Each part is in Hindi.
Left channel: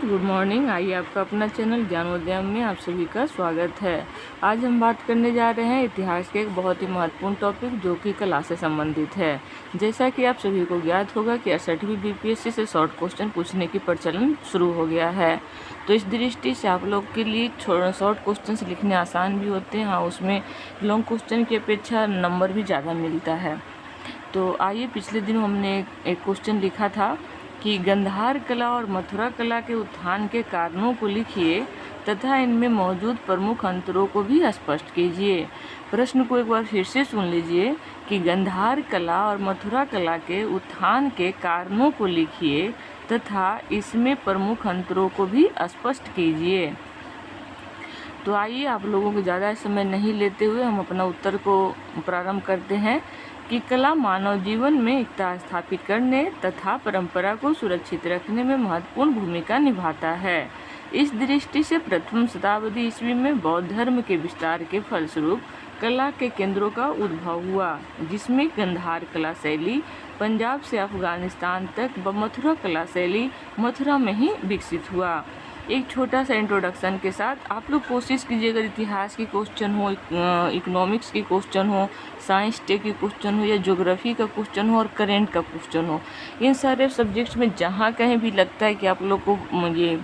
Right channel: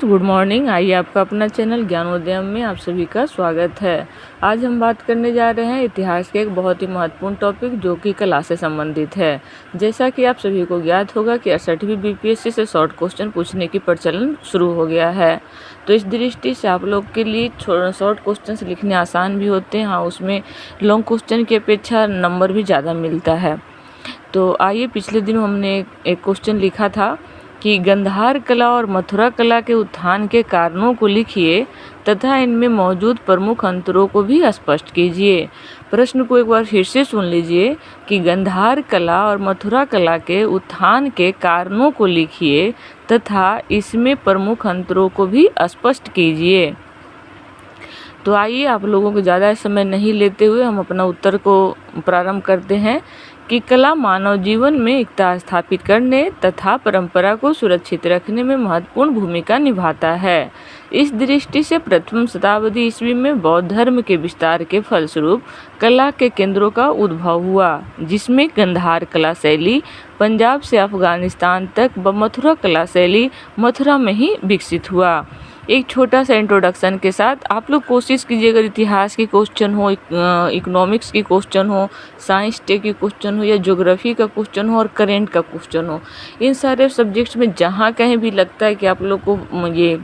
Friends, good morning. आइए आपका अपना चैनल ज्ञानोदयम में आप सभी का स्वागत है। आज हम बात करने जा रहे हैं इतिहास के एक बहुत ही महत्वपूर्ण टॉपिक जो कि कला से संबंधित है। जैसा कि आप सभी को ज्ञात होगा कि 68वीं बीपीएससी से शॉर्ट क्वेश्चन पूछने की प्रचलन शुरू हो गया है। तो इस दृष्टि से आप लोग के लिए शॉर्ट क्वेश्चन लिखने आसान भी होते हैं। हाँ, उसमें लॉन्ग क्वेश्चन की अपेक्षा नंबर भी ज़्यादा मिलता है। तो आइए, पिछले दिन हमने एक क्वेश्चन लिखा था कि गंधार कला और मथुरा कला के उत्थान के कारणों को लिखिए तथा इनमें मौजूद प्रमुख अंतरों को भी स्पष्ट कीजिए। प्रश्न को एक बार फिर से सुन लीजिए कि गंधार कला और मथुरा कला के उत्थान के कारणों को लिखिए तथा इसमें प्रमुख अंतरों को भी स्पष्ट कीजिए। तो आइए, आप लोगों को ज़्यादा समय नहीं लेते हुए हम अपना उत्तर को प्रारंभ करते हैं कि कला मानव जीवन में एकता स्थापित करने तथा परंपरा को सुरक्षित रखने में महत्वपूर्ण भूमिका निभाता है। इस दृष्टि से प्रथम शताब्दी ईस्वी में बौद्ध धर्म के विस्तार के फलस्वरूप कला के केंद्रों का उद्भव हुआ, जिसमें गंधार कला शैली पंजाब से अफगानिस्तान तक व मथुरा कला शैली मथुरा में ही विकसित हुआ। एक छोटा सा इंट्रोडक्शन के साथ आप लोग कोशिश कीजिए, अगर इतिहास की क्वेश्चन हो, इकोनॉमिक्स की क्वेश्चन हो, साइंस टे की क्वेश्चन हो या ज्योग्राफी का क्वेश्चन हो और करेंट का क्वेश्चन हो, इन सारे सब्जेक्ट्स में जहाँ कहीं भी लगता है कि आप लोग को ये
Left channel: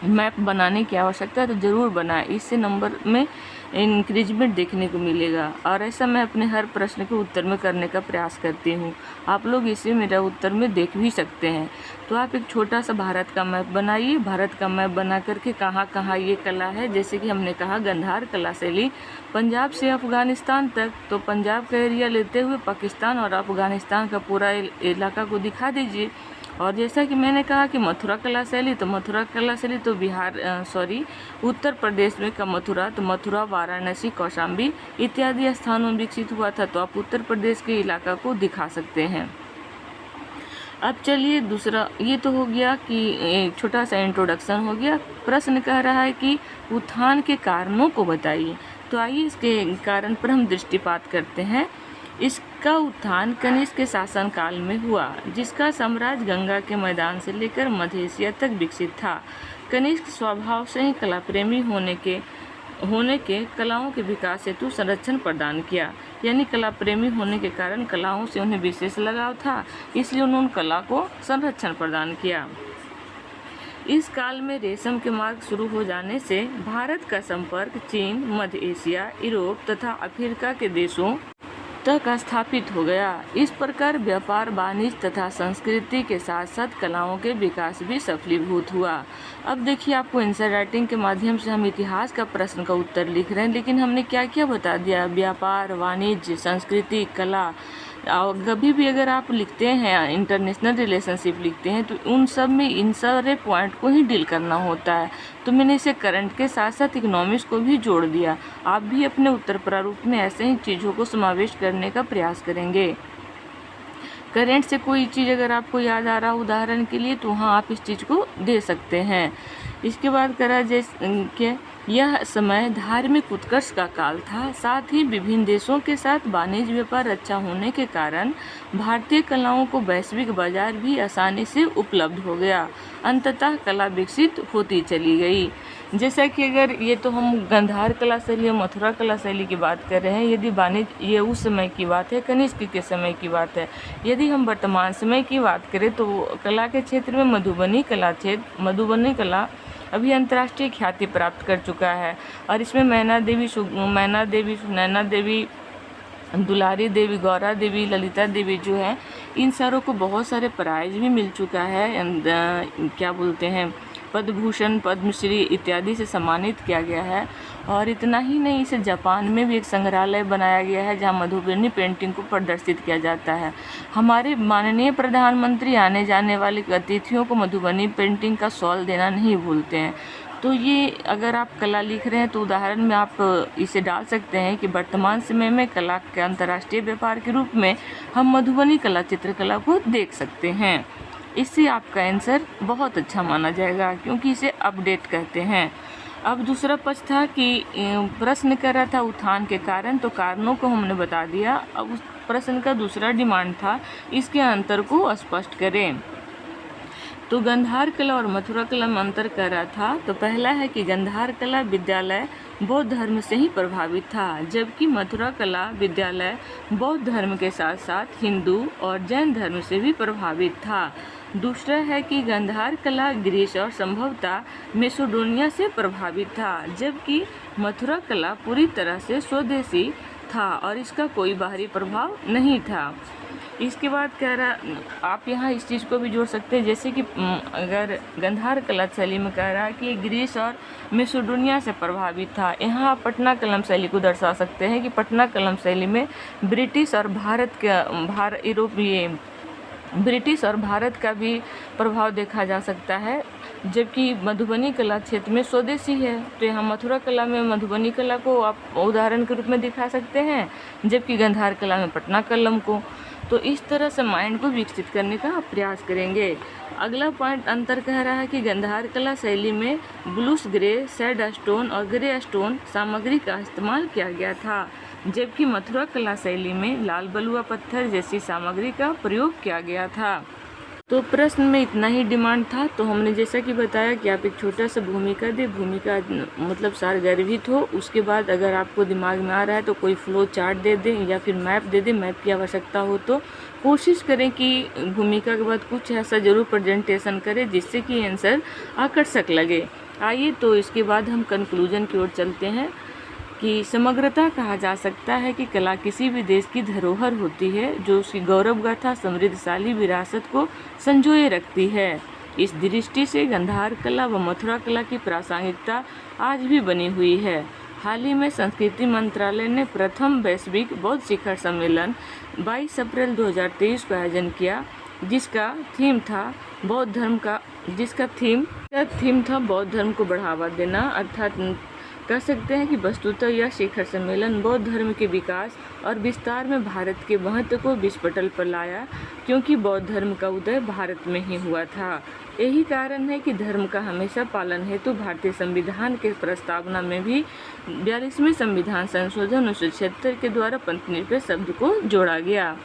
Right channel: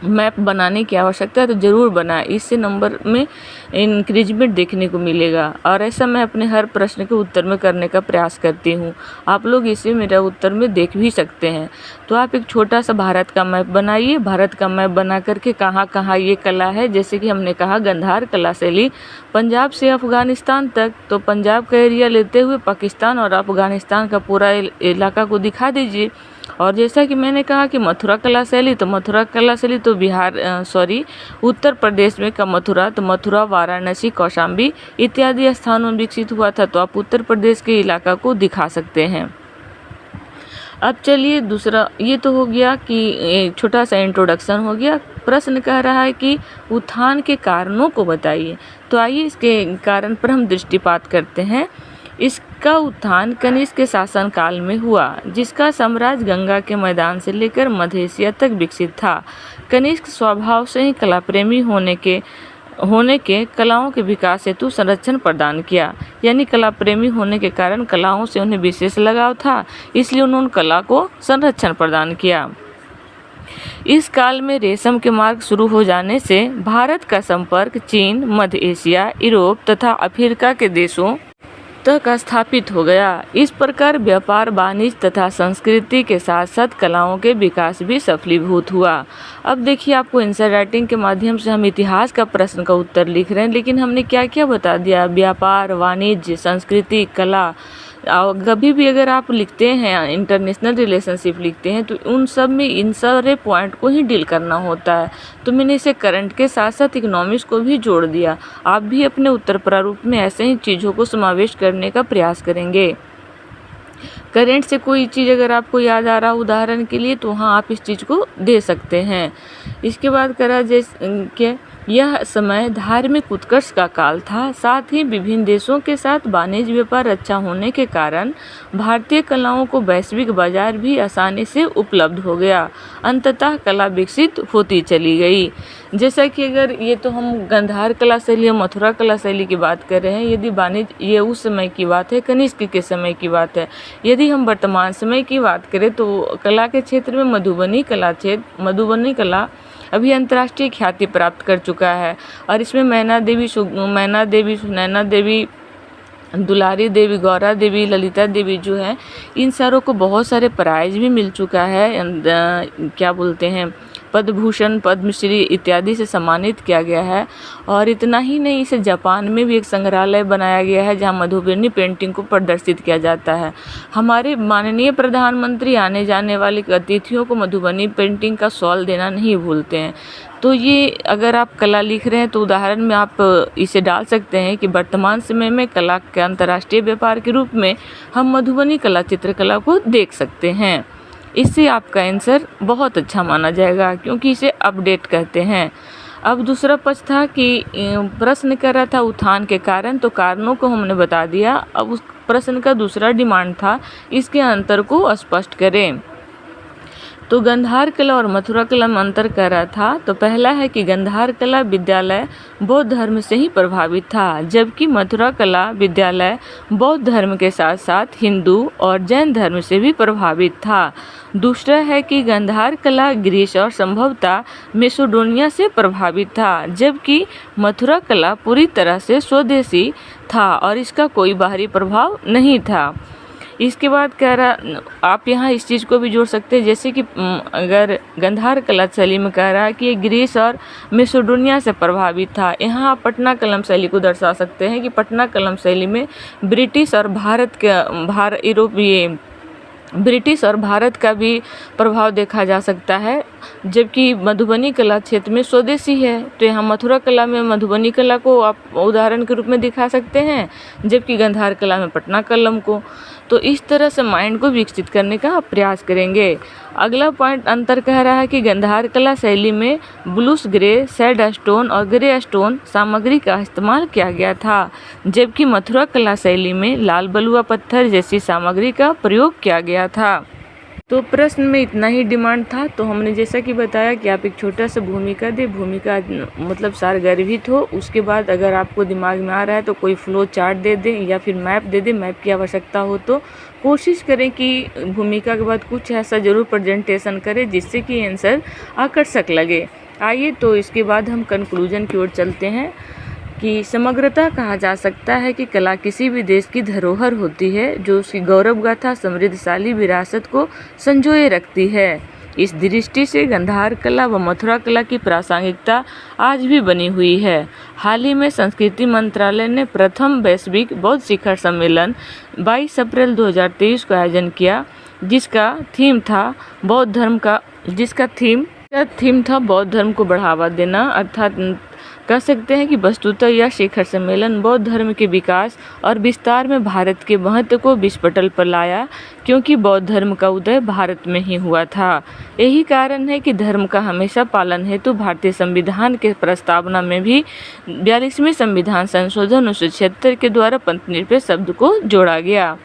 मैप बनाने की आवश्यकता है तो ज़रूर बनाएं। इससे नंबर में इंक्रीजमेंट देखने को मिलेगा और ऐसा मैं अपने हर प्रश्न के उत्तर में करने का प्रयास करती हूँ। आप लोग इसे मेरा उत्तर में देख भी सकते हैं। तो आप एक छोटा सा भारत का मैप बनाइए। भारत का मैप बना करके कहाँ कहाँ ये कला है, जैसे कि हमने कहा गंधार कला शैली पंजाब से अफगानिस्तान तक, तो पंजाब का एरिया लेते हुए पाकिस्तान और अफगानिस्तान का पूरा इलाका को दिखा दीजिए। और जैसा कि मैंने कहा कि मथुरा कला शैली, तो मथुरा कला शैली तो उत्तर प्रदेश में का मथुरा, तो मथुरा, वाराणसी, कौशाम्बी इत्यादि स्थानों में विकसित हुआ था। तो आप उत्तर प्रदेश के इलाका को दिखा सकते हैं। अब चलिए दूसरा, ये तो हो गया कि छोटा सा इंट्रोडक्शन हो गया। प्रश्न कह रहा है कि उत्थान के कारणों को बताइए। तो आइए इसके कारण पर हम दृष्टिपात करते हैं। इसका उत्थान कनिष्क के शासन काल में हुआ, जिसका साम्राज्य गंगा के मैदान से लेकर मध्य एशिया तक विकसित था। कनिष्क स्वभाव से ही कला प्रेमी होने के कलाओं के विकास हेतु संरक्षण प्रदान किया। यानी कला प्रेमी होने के कारण कलाओं से उन्हें विशेष लगाव था, इसलिए उन्होंने कला को संरक्षण प्रदान किया। इस काल में रेशम के मार्ग शुरू हो जाने से भारत का संपर्क चीन, मध्य एशिया, यूरोप तथा अफ्रीका के देशों तक स्थापित हो गया। इस प्रकार व्यापार, वाणिज्य तथा संस्कृति के साथ साथ कलाओं के विकास भी सफलीभूत हुआ। अब देखिए, आपको आंसर राइटिंग के माध्यम से हम इतिहास का प्रश्न का उत्तर लिख रहे हैं, लेकिन हमने क्या क्या बता दिया? व्यापार, वाणिज्य, संस्कृति, कला। कभी भी अगर आप लिखते हैं, इंटरनेशनल रिलेशनशिप लिखते हैं, तो उन सब में इन सारे पॉइंट को ही डील करना होता है। तो मैंने इसे करंट के साथ साथ इकोनॉमिक्स को भी जोड़ दिया। आप भी अपने उत्तर प्रारूप में ऐसे ही चीज़ों को समावेश करने का प्रयास करेंगे। करंट से कोई चीज़ अगर आपको याद आ रहा उदाहरण के लिए, तो हाँ, आप इस चीज़ को दे सकते हैं। इसके बाद करा जैसे यह समय धार्मिक उत्कर्ष का काल था। साथ ही विभिन्न देशों के साथ वाणिज्य व्यापार अच्छा होने के कारण भारतीय कलाओं को वैश्विक बाजार भी आसानी से उपलब्ध हो गया। अंततः कला विकसित होती चली गई। जैसा कि अगर ये तो हम गंधार कला शैली, मथुरा कला शैली की बात कर रहे हैं। यदि वाणिज्य, ये उस समय की बात है, कनिष्क के समय की बात है। यदि हम वर्तमान समय की बात करें तो कला के क्षेत्र में मधुबनी कला अभी अंतर्राष्ट्रीय ख्याति प्राप्त कर चुका है। और इसमें नैना देवी, दुलारी देवी, गौरा देवी, ललिता देवी जो है, इन सारों को बहुत सारे प्राइज भी मिल चुका है। क्या बोलते हैं, पद्म भूषण, पद्मश्री इत्यादि से सम्मानित किया गया है। और इतना ही नहीं, इसे जापान में भी एक संग्रहालय बनाया गया है जहां मधुबनी पेंटिंग को प्रदर्शित किया जाता है। हमारे माननीय प्रधानमंत्री आने जाने वाले अतिथियों को मधुबनी पेंटिंग का शॉल देना नहीं भूलते हैं। तो ये अगर आप कला लिख रहे हैं तो उदाहरण में आप इसे डाल सकते हैं कि वर्तमान समय में कला के अंतर्राष्ट्रीय व्यापार के रूप में हम मधुबनी कला चित्रकला को देख सकते हैं। इससे आपका आंसर बहुत अच्छा माना जाएगा, क्योंकि इसे अपडेट कहते हैं। अब दूसरा पक्ष था कि प्रश्न कर रहा था उत्थान के कारण, तो कारणों को हमने बता दिया। अब उस प्रश्न का दूसरा डिमांड था इसके अंतर को स्पष्ट करें। तो गंधार कला और मथुरा कला में अंतर कह रहा था। तो पहला है कि गंधार कला विद्यालय बौद्ध धर्म से ही प्रभावित था, जबकि मथुरा कला विद्यालय बौद्ध धर्म के साथ साथ हिंदू और जैन धर्म से भी प्रभावित था। दूसरा है कि गंधार कला ग्रीस और संभवतः मेसिडोनिया से प्रभावित था, जबकि मथुरा कला पूरी तरह से स्वदेशी था और इसका कोई बाहरी प्रभाव नहीं था। इसके बाद कह रहा, आप यहाँ इस चीज़ को भी जोड़ सकते हैं, जैसे कि अगर गंधार कला शैली में कह रहा है कि ये ग्रीस और मेसिडोनिया से प्रभावित था। यहाँ आप पटना कलम शैली को दर्शा सकते हैं कि पटना कलम शैली में ब्रिटिश और ब्रिटिश और भारत का भी प्रभाव देखा जा सकता है, जबकि मधुबनी कला क्षेत्र में स्वदेशी है। तो यहाँ मथुरा कला में मधुबनी कला को आप उदाहरण के रूप में दिखा सकते हैं, जबकि गंधार कला में पटना कलम को। तो इस तरह से माइंड को विकसित करने का आप प्रयास करेंगे। अगला पॉइंट अंतर कह रहा है कि गंधार कला शैली में ब्लूस ग्रे, सैड स्टोन और ग्रे स्टोन सामग्री का इस्तेमाल किया गया था, जबकि मथुरा कला शैली में लाल बलुआ पत्थर जैसी सामग्री का प्रयोग किया गया था। तो प्रश्न में इतना ही डिमांड था। तो हमने जैसा कि बताया कि आप एक छोटा सा भूमिका दें, भूमिका मतलब सारगर्भित हो। उसके बाद अगर आपको दिमाग में आ रहा है तो कोई फ्लो चार्ट दे दें या फिर मैप दे दें। मैप की आवश्यकता हो तो कोशिश करें कि भूमिका के बाद कुछ ऐसा ज़रूर प्रेजेंटेशन करें जिससे कि आंसर आकर्षक लगे। आइए तो इसके बाद हम कंक्लूजन की ओर चलते हैं कि समग्रता कहा जा सकता है कि कला किसी भी देश की धरोहर होती है जो उसकी गौरव गाथा समृद्धशाली विरासत को संजोए रखती है। इस दृष्टि से गंधार कला व मथुरा कला की प्रासंगिकता आज भी बनी हुई है। हाल ही में संस्कृति मंत्रालय ने प्रथम वैश्विक बौद्ध शिखर सम्मेलन 22 अप्रैल 2023 को आयोजन किया, जिसका थीम था बौद्ध धर्म को बढ़ावा देना। अर्थात कह सकते हैं कि वस्तुतः यह शिखर सम्मेलन बौद्ध धर्म के विकास और विस्तार में भारत के महत्व को विश्व पटल पर लाया, क्योंकि बौद्ध धर्म का उदय भारत में ही हुआ था। यही कारण है कि धर्म का हमेशा पालन हेतु भारतीय संविधान के प्रस्तावना में भी 42वें संविधान संशोधन 1976 के द्वारा पंथ निरपेक्ष शब्द को जोड़ा गया।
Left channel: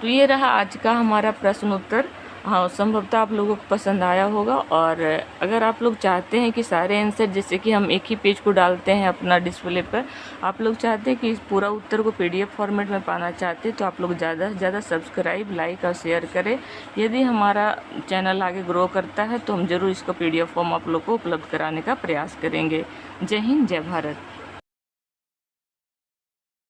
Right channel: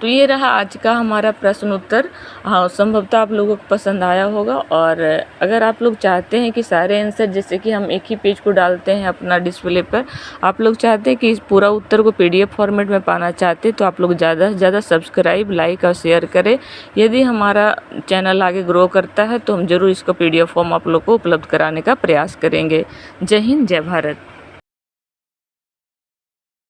तो ये रहा आज का हमारा प्रश्न उत्तर। हाँ, संभवतः आप लोगों को पसंद आया होगा। और अगर आप लोग चाहते हैं कि सारे आंसर, जैसे कि हम एक ही पेज को डालते हैं अपना डिस्प्ले पर, आप लोग चाहते हैं कि इस पूरा उत्तर को PDF फॉर्मेट में पाना चाहते हैं, तो आप लोग ज़्यादा से ज़्यादा सब्सक्राइब, लाइक और शेयर करें। यदि हमारा चैनल आगे ग्रो करता है तो हम ज़रूर इसका PDF फॉर्म आप लोग को उपलब्ध कराने का प्रयास करेंगे। जय हिंद, जय भारत।